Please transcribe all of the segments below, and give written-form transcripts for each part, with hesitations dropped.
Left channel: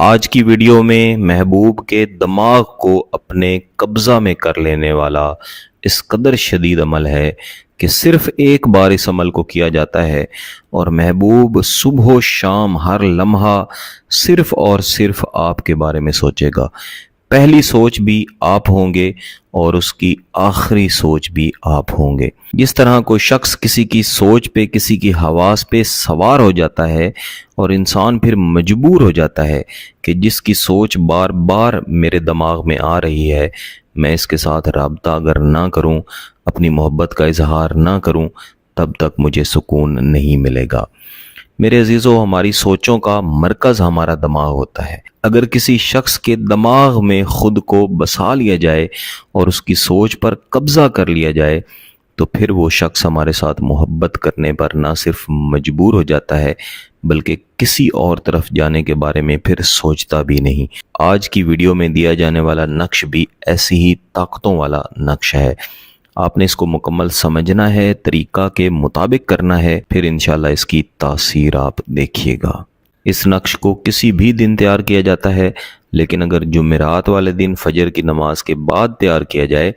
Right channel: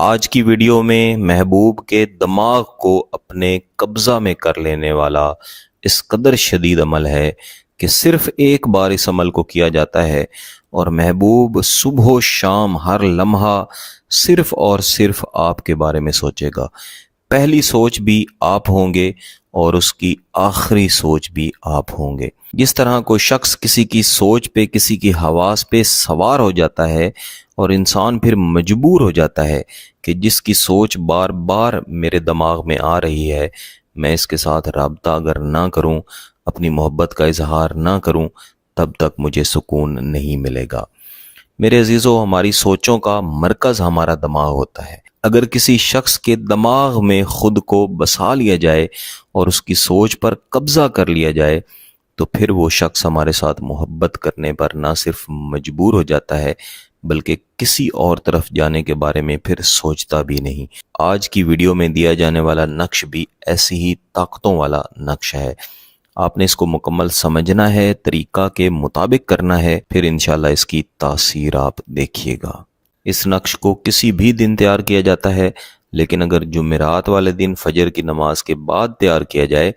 آج کی ویڈیو میں محبوب کے دماغ کو اپنے قبضہ میں کر لینے والا اس قدر شدید عمل ہے کہ صرف ایک بار اس عمل کو کیا جاتا ہے اور محبوب صبح و شام ہر لمحہ صرف اور صرف آپ کے بارے میں سوچے گا۔ پہلی سوچ بھی آپ ہوں گے اور اس کی آخری سوچ بھی آپ ہوں گے۔ جس طرح کوئی شخص کسی کی سوچ پہ، کسی کی حواس پہ سوار ہو جاتا ہے اور انسان پھر مجبور ہو جاتا ہے کہ جس کی سوچ بار بار میرے دماغ میں آ رہی ہے، میں اس کے ساتھ رابطہ اگر نہ کروں، اپنی محبت کا اظہار نہ کروں، تب تک مجھے سکون نہیں ملے گا۔ میرے عزیزو، ہماری سوچوں کا مرکز ہمارا دماغ ہوتا ہے۔ اگر کسی شخص کے دماغ میں خود کو بسا لیا جائے اور اس کی سوچ پر قبضہ کر لیا جائے تو پھر وہ شخص ہمارے ساتھ محبت کرنے پر نہ صرف مجبور ہو جاتا ہے بلکہ کسی اور طرف جانے کے بارے میں پھر سوچتا بھی نہیں۔ آج کی ویڈیو میں دیا جانے والا نقش بھی ایسی ہی طاقتوں والا نقش ہے۔ آپ نے اس کو مکمل سمجھنا ہے، طریقہ کے مطابق کرنا ہے، پھر انشاءاللہ اس کی تاثیر آپ دیکھیے گا۔ اس نقش کو کسی بھی دن تیار کیا جاتا ہے، لیکن اگر جمعرات والے دن فجر کی نماز کے بعد تیار کیا جائے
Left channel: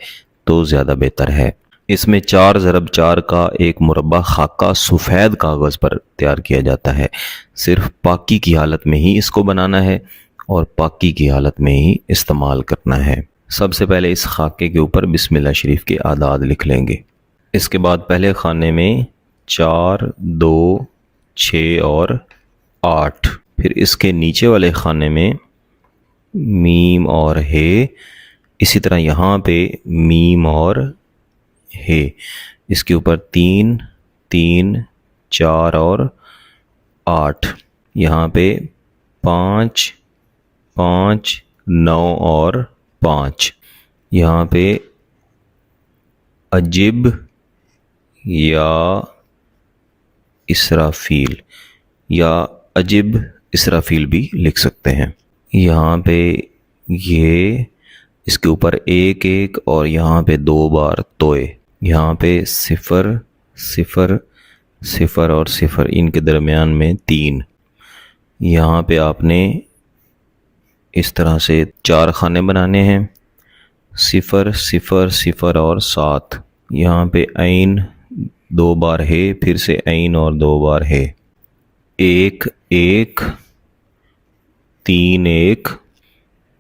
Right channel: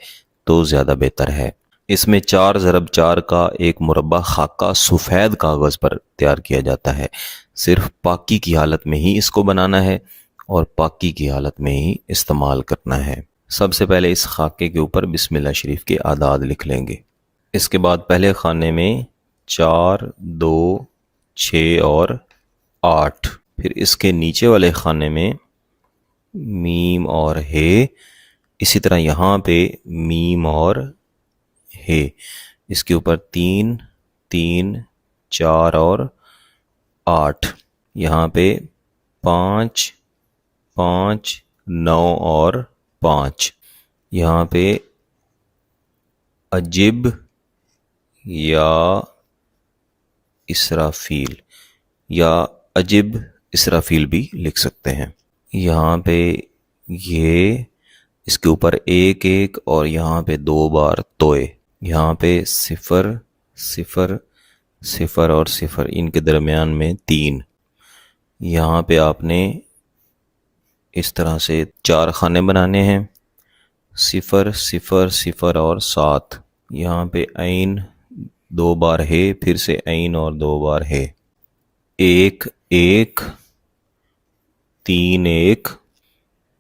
تو زیادہ بہتر ہے۔ اس میں 4×4 کا ایک مربع خاکہ سفید کاغذ پر تیار کیا جاتا ہے۔ صرف پاکی کی حالت میں ہی اس کو بنانا ہے اور پاکی کی حالت میں ہی استعمال کرنا ہے۔ سب سے پہلے اس خاکے کے اوپر بسم اللہ شریف کے اعداد لکھ لیں گے۔ اس کے بعد پہلے خانے میں 4، 2، 6 اور 8، پھر اس کے نیچے والے خانے میں میم اور ہے، اسی طرح یہاں پہ میم اور ہے، اس کے اوپر 3، 3، 4 اور 8، یہاں پہ 5، 5، 9 اور 5، یہاں پہ عجب یا اسرافیل یا عجب اسرافیل بھی لکھ سکتے ہیں۔ یہاں پہ یہ اس کے اوپر 1 1 اور یہاں پہ 2 بار توئے، یہاں پہ 0 0 0 اور 0، ان کے درمیان میں 3۔ یہاں پہ آپ نے اس طرح سے 4 خانے بنانے ہیں، 0 0 0 اور 7، یہاں پہ عین 2 بار ہے، پھر سے عین اور 2 بار ہے، 1 1 3 1،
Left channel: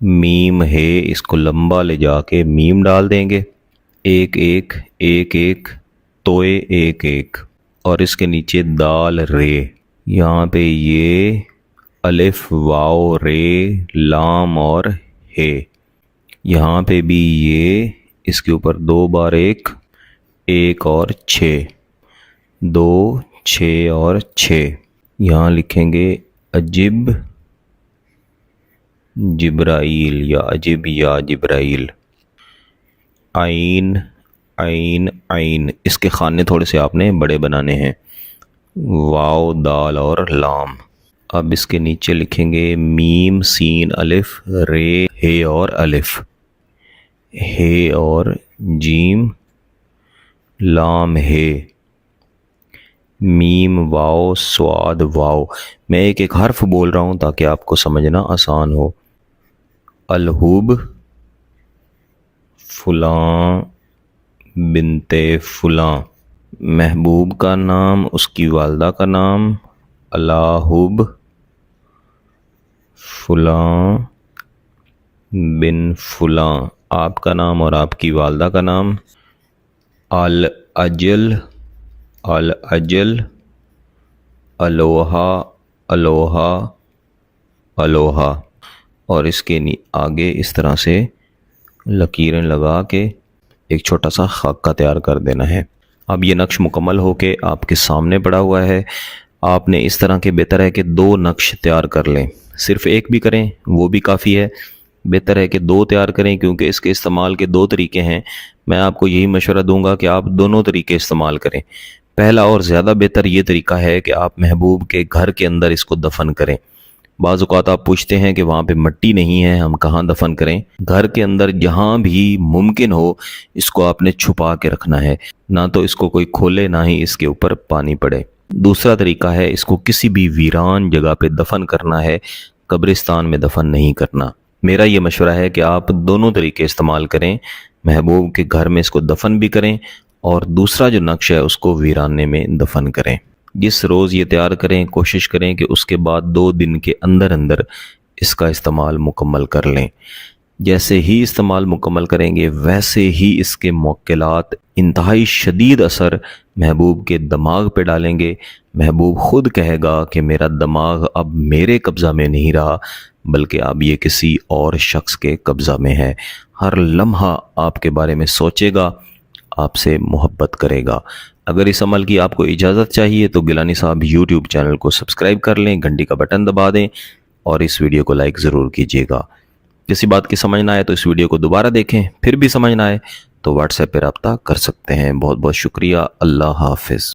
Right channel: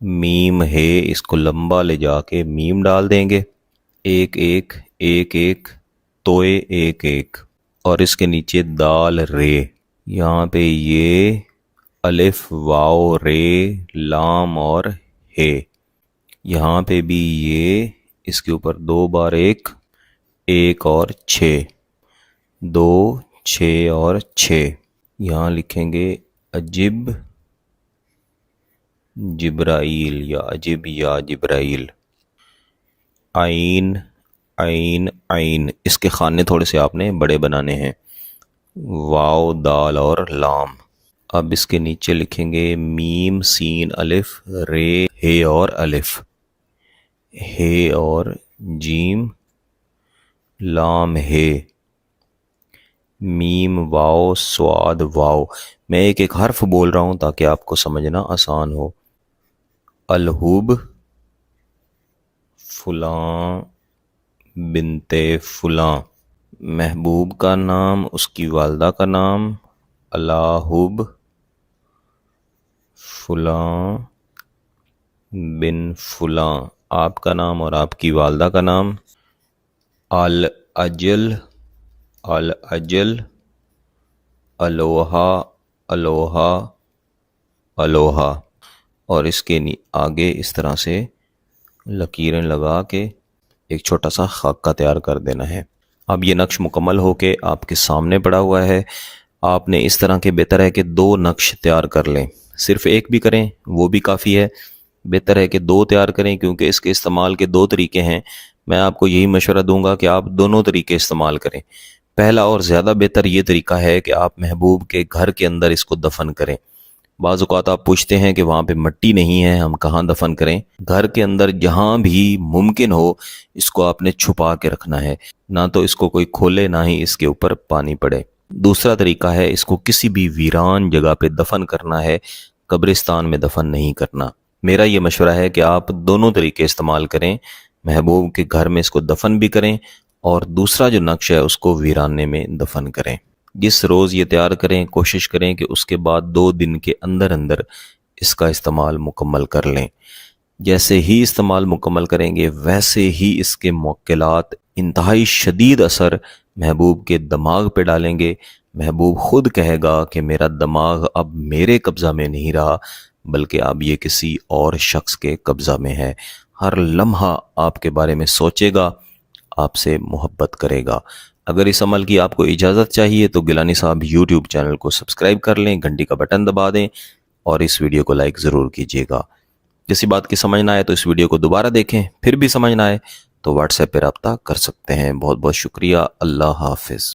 میم ہے، اس کو لمبا لے جا کے میم ڈال دیں گے، 1 1 1 1 توئے 1 1، اور اس کے نیچے دال رے، یہاں پہ یہ الف واو رے لام اور ہے، یہاں پہ بھی یہ اس کے اوپر 2 بار 1 1 اور 6، 2 6 اور 6، یہاں لکھیں گے عجب جبرائیل یا عجب یا جبرائیل، عین عین عین، اس کے خانے تھوڑے سے آپ نے بڑے بنانے ہیں، واو دال اور لام۔ اب اس کے نیچے لکھیں گے میم سین الف رے ہے اور الف، ہے اور جیم لام ہے، میم واو سواد واو۔ میں ایک ایک حرف بول رہا ہوں تاکہ آپ کو سمجھنا آسان ہو۔ الحب فلاں بنت فلاں، محبوب کا نام، اس کی والدہ کا نام الحب فلاں بن فلاں، آپ کا نام اور آپ کی والدہ کا نام الاجل الاجل، الوہا الوہا الوہا، اور اس کے آگے اس طرح سے لکیریں لگا کے ایک چھوٹا سا خاکہ تیار کر دینا ہے۔ اب یہ نقش مکمل ہو کے آپ کے سامنے پڑا ہوا ہے۔ آپ نے اس طرح کے بہتر ہے کہ 2 نقش تیار کر لیں، صرف ایک بھی کریں وہ بھی کافی ہے، بہتر ہے کہ 2 تیار کریں کیونکہ اس کے استعمال کے 2 طریقے ہیں۔ میں آپ کو یہی مشورہ دوں گا کہ آپ دونوں طریقے استعمال کریں۔ پہلا اور زیادہ بہتر یہ طریقہ ہے کہ آپ محبوب کے گھر کے اندر اس کو دفن کریں۔ بعض اوقات آپ پوچھتے ہیں کہ وہاں پہ مٹی نہیں ہے، ہم کہاں دفن کریں؟ گھر کے اندر جہاں بھی ممکن ہو اس کو آپ نے چھپا کے رکھنا ہے، نہ تو اس کو کوئی کھولے نہ ہی اس کے اوپر پانی پڑے۔ دوسرا طریقہ ہے اس کو کسی بھی ویران جگہ پہ دفن کرنا ہے، قبرستان میں دفن نہیں کرنا۔ میرا یہ مشورہ ہے کہ آپ دونوں طریقے استعمال کریں، محبوب کے گھر میں اس کو دفن بھی کریں اور دوسرا جو نقش ہے اس کو ویرانے میں دفن کریں۔ جس روز یہ تیار کریں کوشش کریں کہ اس کے بعد 2 دن کے اندر اندر اس کا استعمال مکمل کر لیں۔ جیسے ہی استعمال مکمل کریں گے ویسے ہی اس کے موکلات انتہائی شدید اثر محبوب کے دماغ پہ ڈالیں گے۔ محبوب خود کہے گا کہ میرا دماغ اب میرے قبضہ میں نہیں رہا بلکہ اب یہ کسی اور شخص کے قبضہ میں ہے۔ ہر لمحہ آپ کے بارے میں سوچے گا، آپ سے محبت کرے گا۔ اگر اس عمل کی آپ کو اجازت چاہیے تو گیلانی صاحب یوٹیوب چینل کو سبسکرائب کر لیں، گھنٹی کا بٹن دبا دیں اور اس ویڈیو کو لائک ضرور کیجیے گا۔ کسی بات کی سمجھ نہ آئے تو اس ویڈیو کو دوبارہ دیکھیں، پھر بھی سمجھ نہ آئے تو واٹس ایپ پہ رابطہ کر سکتے ہیں۔ بہت بہت شکریہ، اللہ حافظ۔